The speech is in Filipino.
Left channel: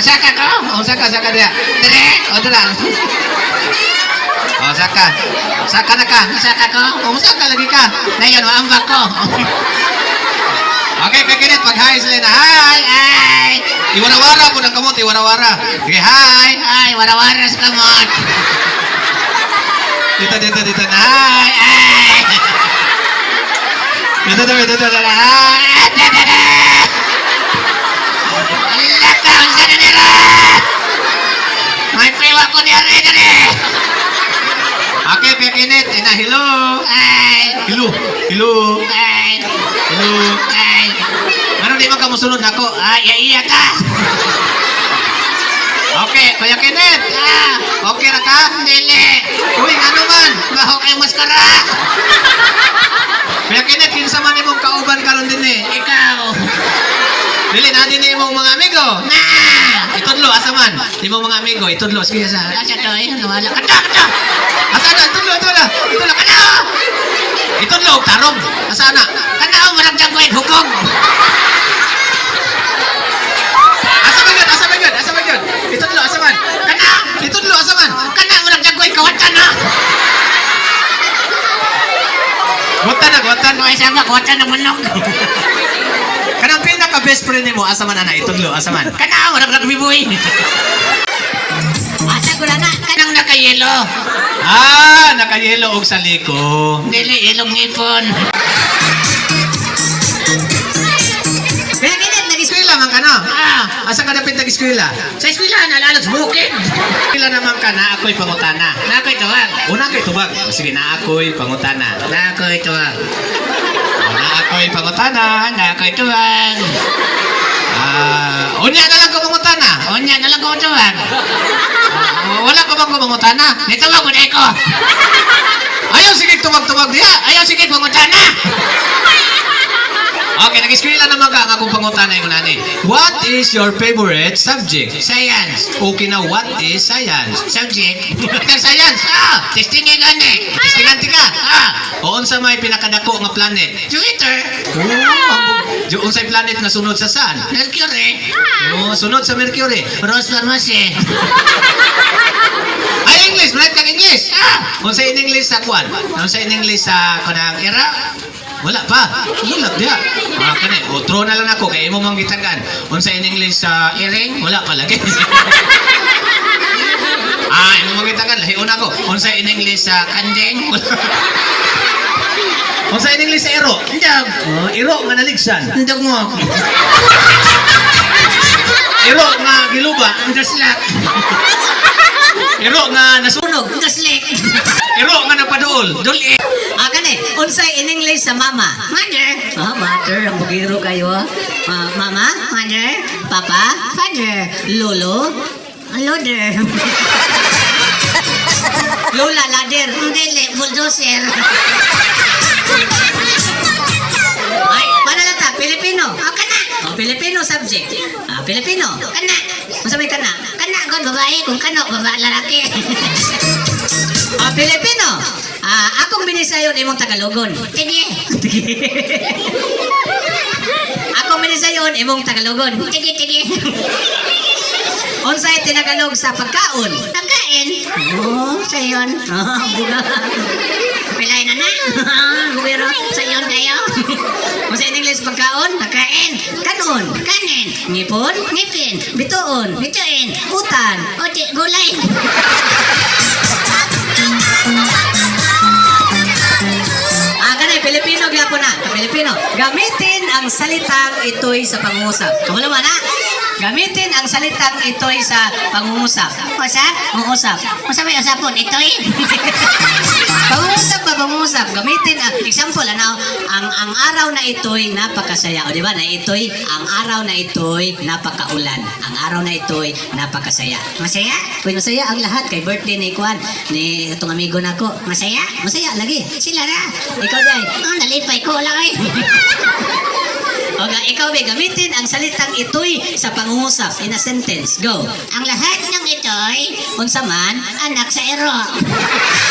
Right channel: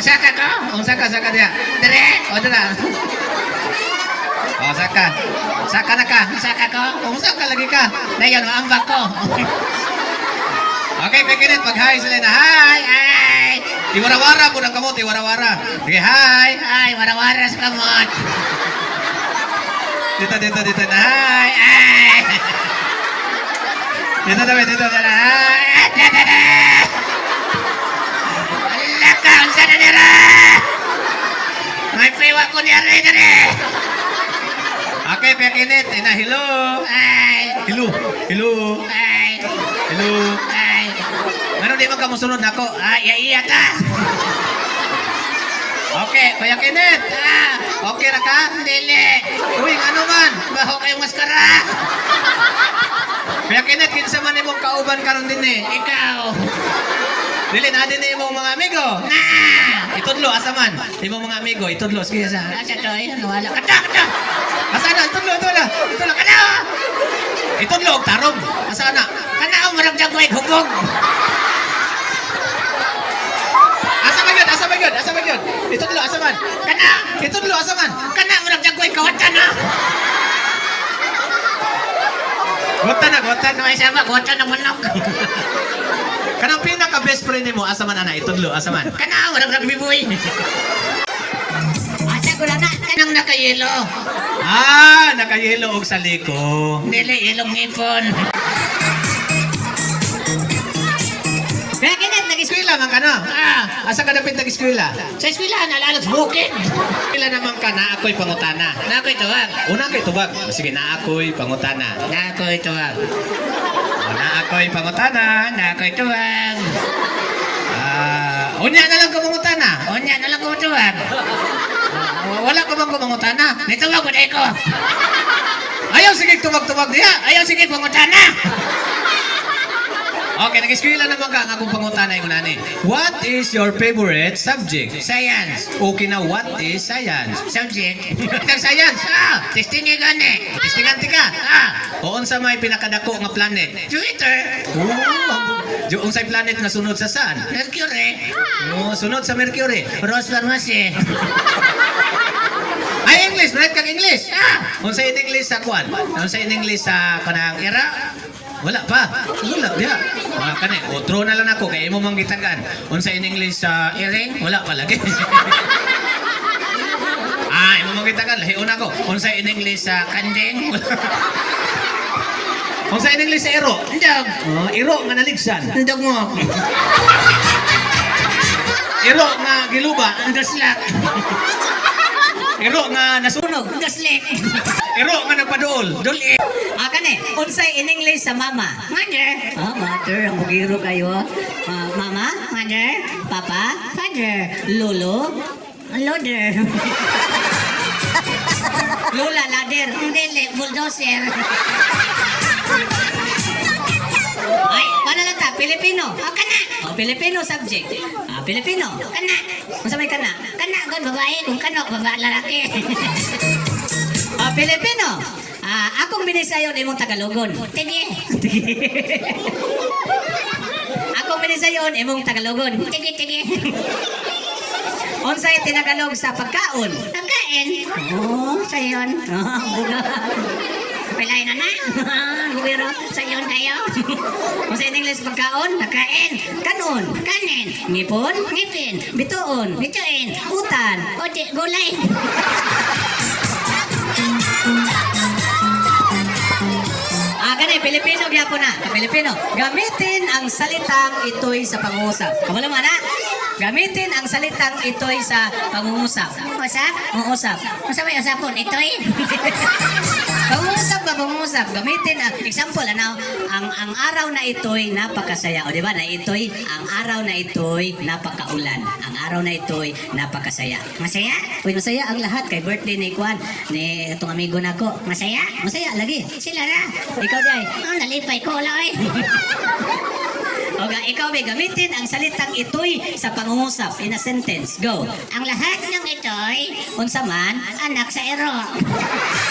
Saka ko? O, saka, saka diya. Dire, o, dala. O, saka. Saka na ka. Saka ko? O, saka lagi ka. Dayon, maambak ko. Okay, kakinit, pag-hi sila na. Hi, hi. Iwarawara po ng kamot, iwarawara. Sige, hi. Hi, warawara sa kamot. Dito, dito, dito na. Hi, hi. Dito, dito, dito na. Hi, dito, dito. Ala ka, unsa na nila? May prewa ko ni Are dire. Okay, kakinit. Ina, hello. Hi. Hello. Hello. Hi. Hello. Hi. Ano di man ka musunod nako? Ay, iya ka. Okay, Kuya Kenneth. Ah, okay na ka? Dili. Uy, ano man? Baho kayo maskara. Kuya Kenneth, kinsa man imong kauban karon din eh. Ikaw. Dili na din imong mga amigo. Na. Itudlo asa man? Imong mga amigo, itudlo sige sa. Asa to? Ay, wala. Kata, kata. Asa na? Itudlo, itudlo. Itudlo kana. Itudlo tarong. Asa na? Kana mo lang jagoy hugog. Asa man? Asa man? Asa man yun? Itudlo, asa man? Kana! Itudlo, asa man? Kana mo lang jagoy kawatan na. Gutan na, gutan. Ay, sama, gutan ng manok. Best friend nimo asa man ana itudlo asa man? Kana ka biboy. Asa ko na na. Kanang nakayelo. Ah, nakayelo og sa liko. Dili ilong ngipon. Ganit, nag Eskwela man ka no? Ah, Asa ka dapit nag-eskwela? sa eskwela, nalalag sa bukid. Eskwela naman ka na ako'y pangutana. Na ako'y tawag. Una kay tubag. O sige na ako'y pangutana. Na ako'y tawag. Na ako'y pangutana. Na ako'y tawag. Ah, unya na lang ko pangutana. Unya na lang ko tawag. Ah, Wala ka bang kumangutana? Dito mo ko deko. Ayaw sige tubag-tubag diha. Ayaw sige pumunta na. Okay, nag-eskwela naman ang akong pangutana yung nani. What is your favorite subject? Science. Okay na, what is science? Subject. Kang science? Ah, testing nga gani. Estinganti ka? Ah, O unsa may pinakadako nga planet? Jupiter. Yung unsay planet na sunod sa sun? Mercury. Oh, sunod sa Mercury. Rose Pharmacy. Ay, English, right kang English. Ah, Unsay in English sa kwan? Unsay in English sa kanang era? Wala pa. Wala dia. Ah, kani, otro na lang ako kay imo mang gitagan. Unsay in English sa Iring. Wala pa lagi. ah, imo mang gitagan lahi una ko. Unsay in English sa Kanding. Unsay in English sa ero? Ndog. Oh, iro nga naligsan. Ndog mo. Iro nga giluba. Ndaslak. Iro nga nasunog. Sunog. Ndaslik. Iro nga napaduol. Duli. Ah, gani. Unsay in English sa mama? Mother. Ah, mother. Ang bugiro kayo. Ah, mama? Mother. Papa? Father. Lolo? Loader. Lola, ladder. Dili, bulldozer. Ay, paano lang ta? Pilipino. Oh, kana. Oh, Pilipino subject. Ah, Pilipino. Kana. Masabi kana. Kana, gon babae. Kung kano, babae lalaki. Ah, Pilipino. Ah, akong binisayon imong Tagalogon. Sige. akong binisayon imong Tagalogon. Sige, sige. Unsay tinagalog sa pagkaon? Pagkain. Oh, sayon. Oh, buga. Pilay na na. Bugiro, sayon kayo. Unsay English pagkaon? Pagkain. Kanon. Kanin. Ngipon. Ngipin. Bituon. Bituin. Utan. Oti, gulay. Pilipino. Gamitin ang salitang ito'y sa pangungusap. Kamalo man na? Gamitin ang salitang ito'y sa pangungusap. Usap? Pangungusap. Masa may usapon? Ito'y? pangungusap pa, pangungusap. Gamitin ang, example, ano, ang, ang araw na ito'y napakasaya. O di ba, na ito'y, ang araw na ito'y napakaulan. Ang araw na ito'y napakasaya. Masaya? Uy, masaya ang lahat. Kay birthday ni Kwan, ni itong amigo na ko. Masaya? Masaya, lagi. Sila na. Ikaw, Day. Oh, nalipay ko lang eh. Okay, ikaw may gamitin ang salitang ito'y sa pangungusap in a sentence. Go. Ang lahat ng ito'y, unsa man, anak sa ero.